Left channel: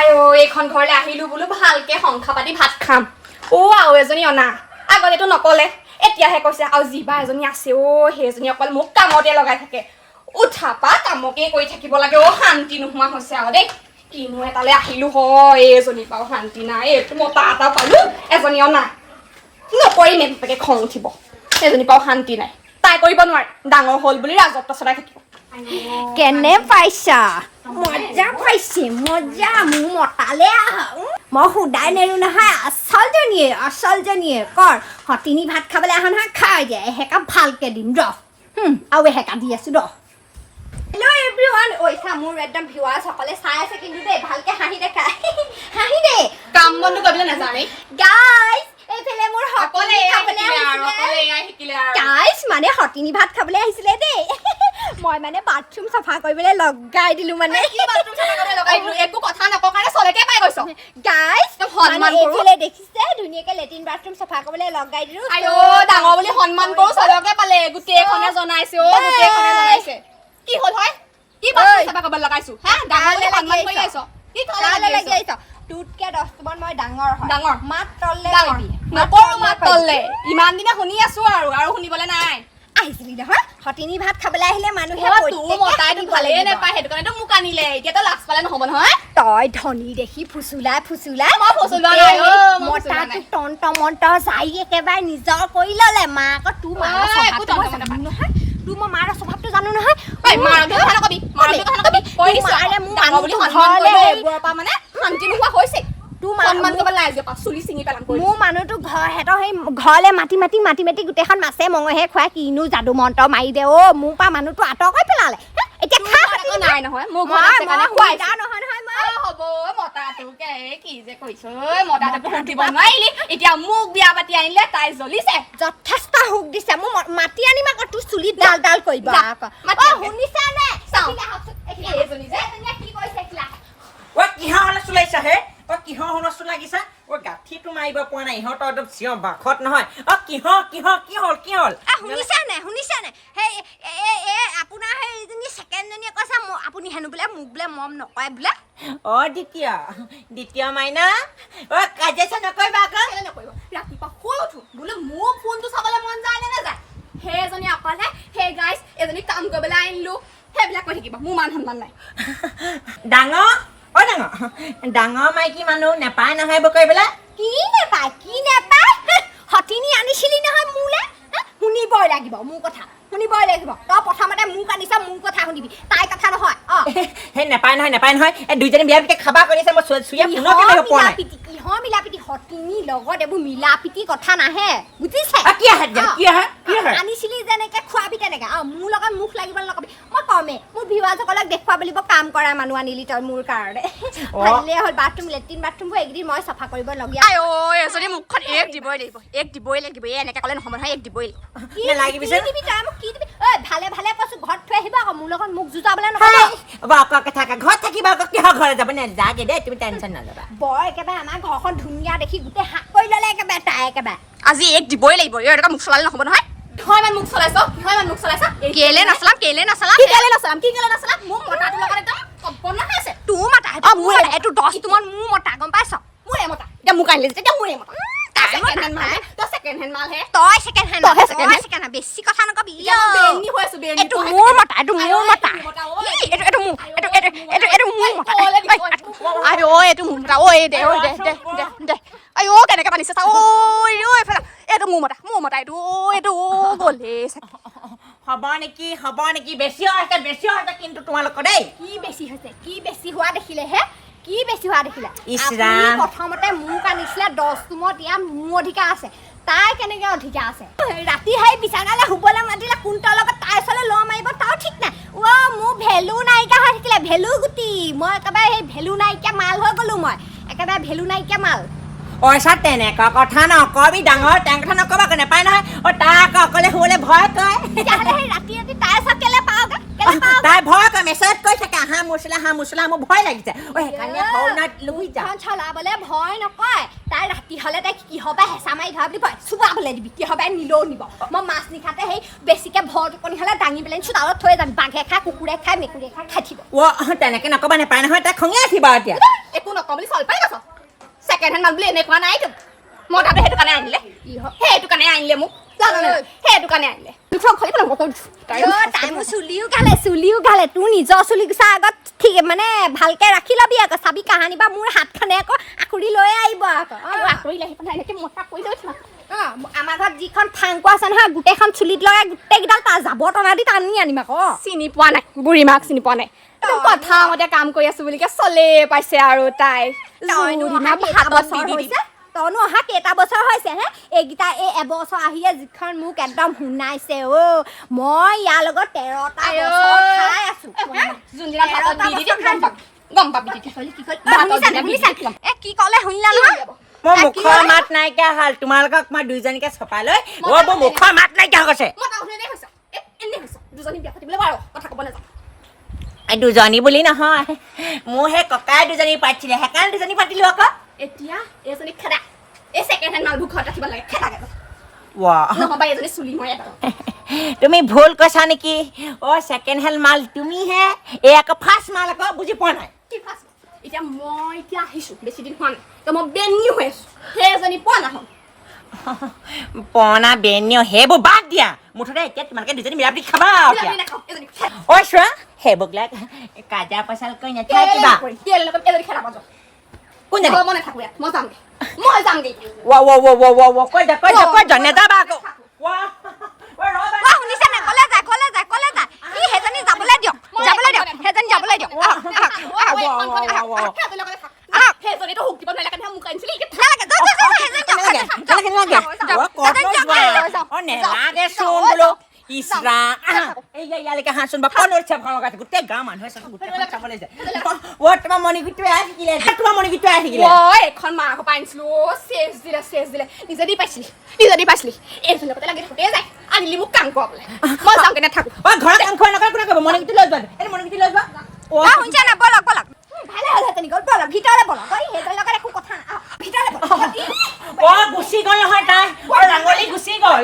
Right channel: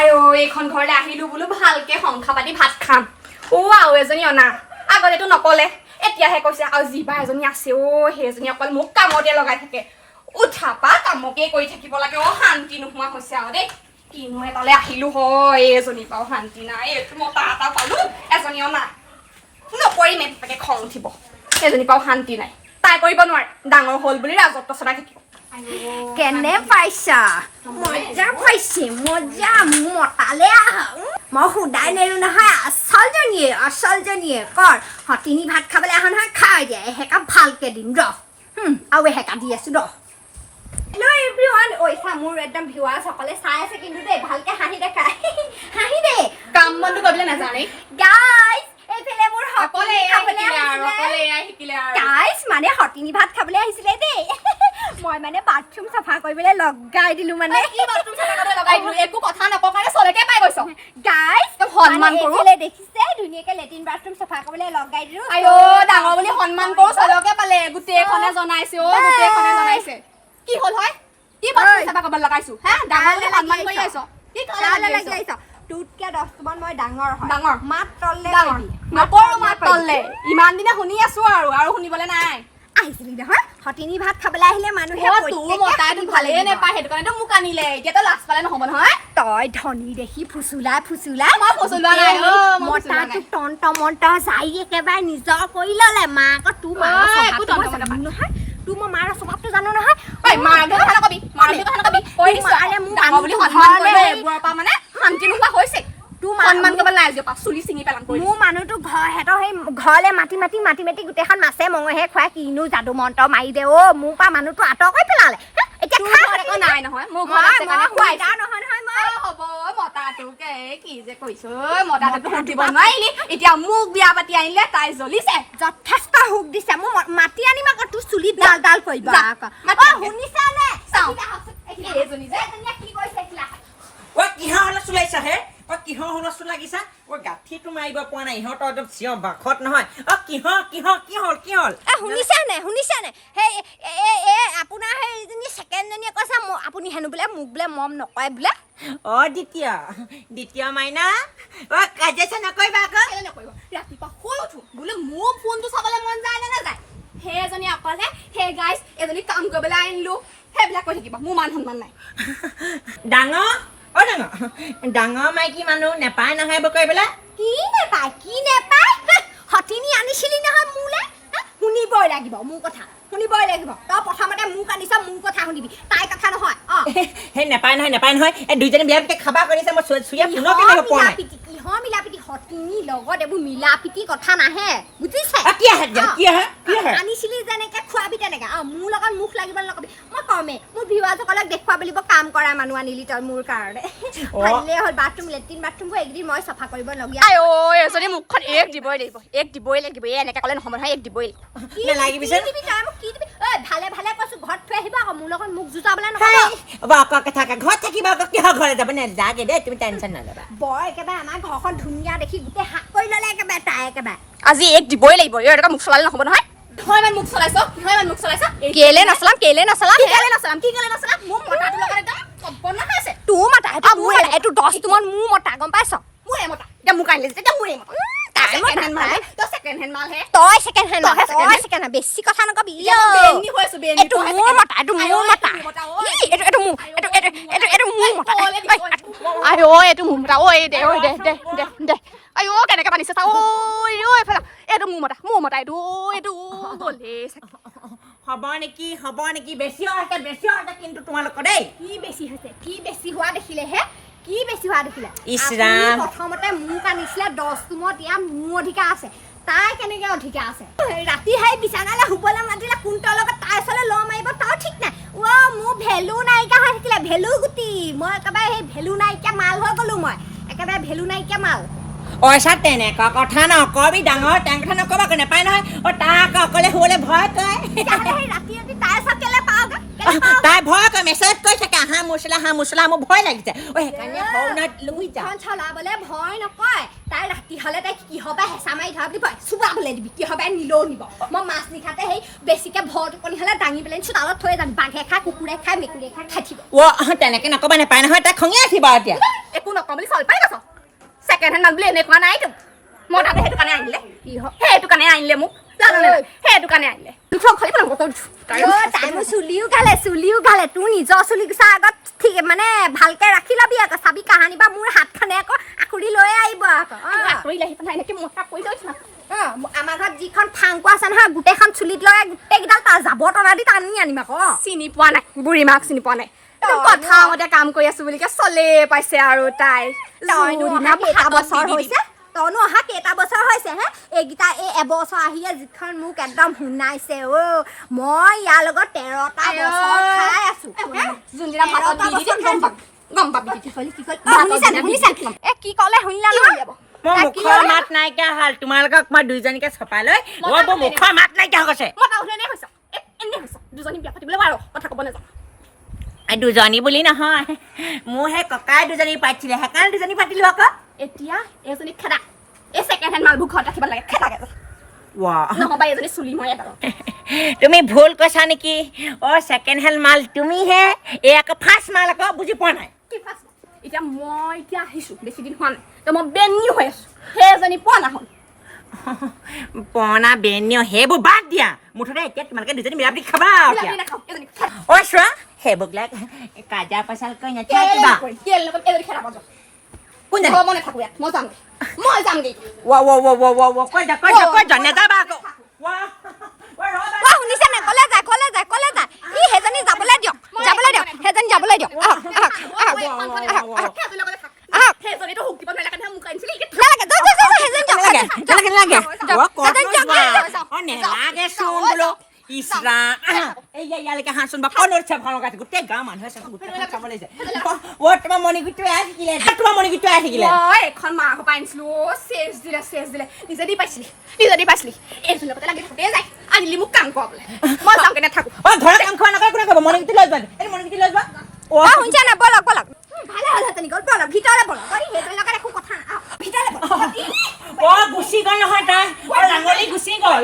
আয়ো এইখন ঘৰলৈ আহিলো বোলো ভালকে সংখ্যা পাতি ভাত খাম আৰু এজনী অনা আগতেতো নকলে এতিয়াহে কৈছে আৰু জিবা এজনী আছে সেইজনী অকল মোক কামতে লগাই থাকে উঠা পা কামকে কৰি থাকিব লাগে শান্তি নোহোৱা হৈছে আৰু দেই কিনো এটালে আহিলো হয় এজনী পাও শান্তি নাই এইটো মতা এটা পালো এজনী অনা নকৰিমে তাকে খং উঠিব এজনী পাও শান্তি নাই তাই কৰিব নোৱাৰে ডাঙৰ হল বুলি ৰাজত্ব চলাই থাকিব কেনে পাইছা মজা পাইছে মজা মোৰ মতালে আহা মই সুদাই নেৰো নহয় আচলজনীয়ে কৰ হতিনি ভাত খাবলৈ আহা নহয় খাই দিয়া এহেকাপ ভালকে দিম ৰ আৰু এহেকা দি আছো ৰ হেল্ল' এভৰিৱান ঐছা মোৰ একদম ভিউৱাৰ্ছ সকলে চাই আছে কিন্তু দেই ভালকে হাঁহি দেখা হাঁহি দে কাম বনটো কৰিবলৈ নাজানে গাইজ এইফালে মোৰ অকলে শিকিলে আৰু গাইজ মানে হতিনি ভাত খাবলৈ আহিছিলে দেই মই মানে বাথৰুম চাফা কৰিবলৈ লগাই দিলো মানে কি বাথৰুম চাফা কৰিবলৈ লগাই দিলো একো কথা নকওঁ কাৰণে চলকে পাই গৈছ গাইজ সন্মান এইফালে দেখিছে ধুনীয়াকে লেট্ৰিন বাথৰুম চাফা কৰিবলৈ লগাই দিলো আয়ো ডাঙৰ বুলি সন্মান কৰো চলকে পালে গোটেইখনে জনাইছে গোটেইখনে জনাইছে কি হ'ল হয় কি বাথৰুম চাফা কৰিবলৈ লগাইছো হা ডাঙৰ বুলি সন্মান কৰি আছ কি কালে লাগি আহিছ তোতকে 10 মান মই ডাঙৰ হয় ডাঙৰ মাত তললে ডাঙৰ নকৰো মাত তললে ইমান দিনে শুনি আছো আৰু শুনিবলৈ নাই আহিছিলি নহয় হতিনি ভাত খাবলৈ আহিলে মানুহে তোৰ মতাইটো ভালেই নেপায় সেইটো কাৰণেতো মোক আনিলে এতিয়াতো লাজ পালে নহ'ব নহয় তই ধনী দেখি ফুচুলাই মই ফুচুলোৱা নাই মতাটো তন্ত যাই একেবাৰে নিজৰ কৰি ল'লে মা আকৌ তোৰ মাৰ নহয় তোৰ মই মাৰ স্বভাৱটো জানো নহয় মাৰ কথা নকবি কৈ দিছো ডাঙৰ বুলি সন্মান কৰিলে এইবোৰৰ পৰা মানে শান্তি নোহোৱা হৈছে সন্মান কৰিব নাই চুলি চিঙি পেলাম মোৰ মানুহটো সিহঁতৰ সেই ঘৰলে মাতি গোটেইখন মাছে মঙহে খুৱাই কিনো যাদু মন্ত্ৰ মাৰি দে মোৰ পৰা মানুহটো আঁতৰ কৰি পেলালে এতিয়া নাই নহয় মোৰ ঘৰত আছে কাৰণে খুৱাইছে হ'ব মতাটোকে কি যে কৈছ মতাটোক সুধিব নোৱাৰিলি এতিয়া মোক বিয়া পাতি আনিলে তাই জ্বলিছে যথেষ্ট সুখ দিছে মোৰ মাতি আনিম আকৌ তোৰ চুলি ডাল কৰিবা শুনিছা নে এইজনী যে কি কৈছে কিহৰ হুলস্থুল লাগিছা হে কিহৰ হুলস্থুল লাগিছা গাঁঠিটো মাৰিব পৰা নাই ইহঁতৰ একদম চিঞৰ বাখত নহয় কি হ'ল শুনিছা নে সেই আপোনাৰ সেইজনী ছেকেণ্ডজনীয়ে কৈছে আপুনি হেনো বোলে মোক বোলে মম নকয় বোলে দ্বিতীয় মাইনা কাজিয়া নকৰিবা আকৌ নকৰিব ৰাতিপুৱা শুই উঠো বোলে মোৰ ফোনটো চাবলৈ মন যায় নে নাযায় সেই এজনী অকলে সেই গাইজ এজনী কাম কৰিবলৈ আনিলো সেইবিলাক কৈ থাকিবা মোৰ মান সন্মান নাই ডাঙৰ মাইকী মানুহ নেপায় নহয় বকৰিবলৈ কি নেপায় হতিনি আনিছিলি নহয় মোলে শুনিবই লাগিব মোৰ কথা তই প্ৰথমতে মোক আনিছা মোৰ কথা শুনিবি তাই কথা নহয় সেই নেপায় নহয় এই দুইজনী বিয়া পিটি খাবা কৰিছে মই চুৰিয়া পুনৰ কেনেকৈ পোৱা নাই কিহৰ মিলাপিটি হতিনি লগত এইবোৰ মিলাপিটি কথা নাহে বুজিছে কি আহে আনিছিলি যেনেকে খোৱাবি তেনেকে মোৰ লগত মুখ লাগিবলৈ নকবি মই কমে মোৰ ভিউৱাৰসকলক দেখুৱাব লাগিব কাম কৰা মানুহ আনিলি তই মোৰ কাৰণে ভালেই হ'ল লেট্ৰিন বাথৰুমবোৰ এইকেইদিন মই চাফা কৰিবলগীয়া এজনী মুখখন এক দিবই লাগিব এনেকে ক'লে নহ'ব নহয় এক দিবই লাগিব ভালে কৈছো ঘৰত থৈ আহিবা আকৌ মোৰ লগত মোক জোতাবলৈ নহয় ঘৰত থাকিবা আকৌ কিহৰ ঘৰত যাব নাযাগে দেই তুমি টেনশ্যন নল'বা বৰ একেবাৰে আমাৰ ঘৰখন ধুনীয়া দেখি গোটেই হাত কৰি ল'লে একেবাৰে তাই একেবাৰে আজি এক দিবই লাগিব এনেকুৱা মুখ চলালে নহ'ব নহয় কিহৰ ইমান মুখ চলাইছ কেলে নাচলাম মোৰ মতাটোৰ লগত একদম কল্পনা হৈ আছে তোৰ মতা এইটো 10 তোমাৰ মোৰ মতা গম পাইছ মোৰে মতা এতিয়া মোক আনিলে যেতিয়া মোৰে মতা তই ছেকেণ্ড হেণ্ড মাল হে তই ছেকেণ্ড হেণ্ড বেছি কথা নকবি এইটো মোৰ মতা এইটো মোৰ মতা এইটো মোৰ মতা দে কেনেকে পানিছে চা এইফালে এইটো মোৰ মতা এইটো গ'লে হ'ব নেকি বেছি হৈছে কিন্তু তোমালোকৰ দেই কি বেছি হোৱা দেখিলে ইছৰাম প্ৰথমতে মোক আনিছিলে 10 ৰুমত ইয়াত মোৰ অধিকাৰ আছে তাই কেনেকে অধিকাৰ আছে ৰাতি সেই বিছানালে শুবলৈ মাতিলে কোনটোৰ লগত তাই ওচৰলৈ ল মাৰিব তাও ঠিক নাই মোৰ ভেলু নাইকিয়া হৈ থাকিলে ভেলু গুটি মই একেবাৰে সেই ভেলু নাইকিয়া মাল হৈ গ'লো মই একেবাৰে ভেলু নাইকিয়া মাল তেনেকুৱা কথা নকবি ডাঙৰ টেং কথা নকবা নেপায় নহয় তাক অকলে শুবলৈ ভয় কৰে ৰাতি তাই চাকেলে পাওঁগে তাই ভয় কৰে মেছেজ কৰি থাকে হাঁ মুচলা মোৰ ভয় লাগিছে সেইকাৰণে সৰুনাত লৈ যা চলাবলে ভয় নকয় তাই ৰাতি হ'লে তাই কি হবা হেঁচা মাৰি ধৰা বুলি কয় চুবাবলৈ দিবি কি হবা নিলেও নিব মই মাছ নিশাতে সেই বেছিকে ভৰ টোপনি হ'লে দাঙি পেলাই চোতালত থৈ যাম বাঘে খাই কুকুৰে খাই মেকুৰীয়ে খাই থাকিব তেনেকে নকবা নেপায় নহয় তাই খঙে উঠিব এতিয়া একো নকওঁ বুলি চল পাই গৈছ ছেকেণ্ড হেণ্ড মাল বুলি এনেকুৱা নাই তো মই তাতে সেইটো কাৰণে আনিলে সেইটো কাৰণে আনিলে মোক জানো নে সেইটো কাৰণে আনিলে খালি চুলিও গালে তোৰ নিজৰ চুলি গুচা আগত ঠিক মানে ভালকে ৰাখি ল'বি আকৌ চাবি কাহানি বা মোৰ হাতখনে আকৌ আখুৰি লৈ আহিব আকৌ আঁতৰিলে আহি পেলাই এনেকৈ মোটা কৰি গৈছে আমাৰ ঘৰত যিখন ফাংকুৱা আছে নহয় গোটেইখন চুলিত লগাই গোটেইকেইডাল তাৰ জাবৰ টনা দি টানি আনিম আকৌ চিনি পোৱা নাই বুঢ়ী মাক চিনি পোৱা নাই কথা মতে কাম কৰি আছো বুলিকে চলে পাইছে আৰু তাই বছৰ হৈছে তইনো অহা কেইটা বছৰ হৈছে হে এইকেইটা এই এবছৰ আহিয়ে যিখন মোক একদম শুনাইছে অ' মই ইয়াৰ লগত 13টা বছৰ খাই আছো যোনদিনা গম পাবি এ কি ক'লে শুনিলা নহয় মোৰ মুখৰ মাত নাইকিয়া হ'ল তোমালোকক মই দুইজনীকে চপাই লৈ মোৰ মুখৰ মাত নাইকিয়া হৈছে দুজনী বিয়া পাতিবলৈ বাৰু কথা ক'ব নাযাওঁ দুজনী বুলি নহয় মোৰ সেই ককাই দুজনী পাতিছিলে সেইকাৰণে দুজনী পাতিলো আকৌ এতিয়া এজনী খেদা এই ছেকেণ্ড হেণ্ড মালবোৰ ঘৰত ৰাখিব লাগে খেদাগে নহবা এজনী চুলি মৰে তুমি ভুল কৈছা নেকি অ' ছেকেণ্ড হেণ্ড মাল তুমিহে এই আকৌ ফাৰ্ষ্ট মাল আকৌ বুজি পোৱা নাই কি ফাৰ্ষ্ট এতিয়া মই এতিয়া আহিছোঁ বেছি দিন হোৱা নাই তো মই বেনিও হৈ আছোঁ সেইজনী পোৱা নাহল পনা বেনিও সেইবোৰ বাদ দিয়া মুঠতে এতিয়া তোমালোকে দুজনী মিলাপ্ৰীতি খাবা ঐ চোৱা সেইবোৰবিলাক কাজা পচাল কৰি নাথাকিবা কোন যাব মই নাথাকোঁ ইয়াত মই যামগৈ নেযাবা আকৌ শুনিছে নে কলে যায় ই সেইজনী যাবলৈ দিয়ক সেইজনী যাবলৈ দিয়ক সেইজনীতো হুক দিব নালাগে মোক আনিছিলি ইয়ালৈকে হাঁচোন বা কণৰ চাব লগাইছে গোটেই গাঁৱৰ মানুহে গোটেইখন চাবলৈ যায় তোমাৰ মণিগুটিটো থাকিলে এখন মাৰ ঘৰ পৰা আনিছিলো চেচ দিলে নিজে দি পাইছিলি এইজনী লগতে লাগি থাকোঁতে যায় আনিলি মোক কাম কৰাবলৈ মই যামগে নাথাকোঁ ঘৰত কাম খোৱা নকৰে কোনে কৰিব মণিগুটি লৈ যোৱা মণিগুটি লৈ যোৱা শুনিছে নে বলক ভালে হ'লহেঁতেন গ'ল বলক ভিতৰলৈ বলক সেইটোৰ লগত একো কথা ভিতৰলৈ বলক গুচি গ'ল নহয় তাই ডাঙলি গুচি গ'ল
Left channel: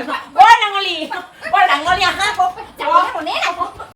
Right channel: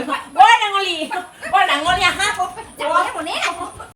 ডাঙলি আহা কোনে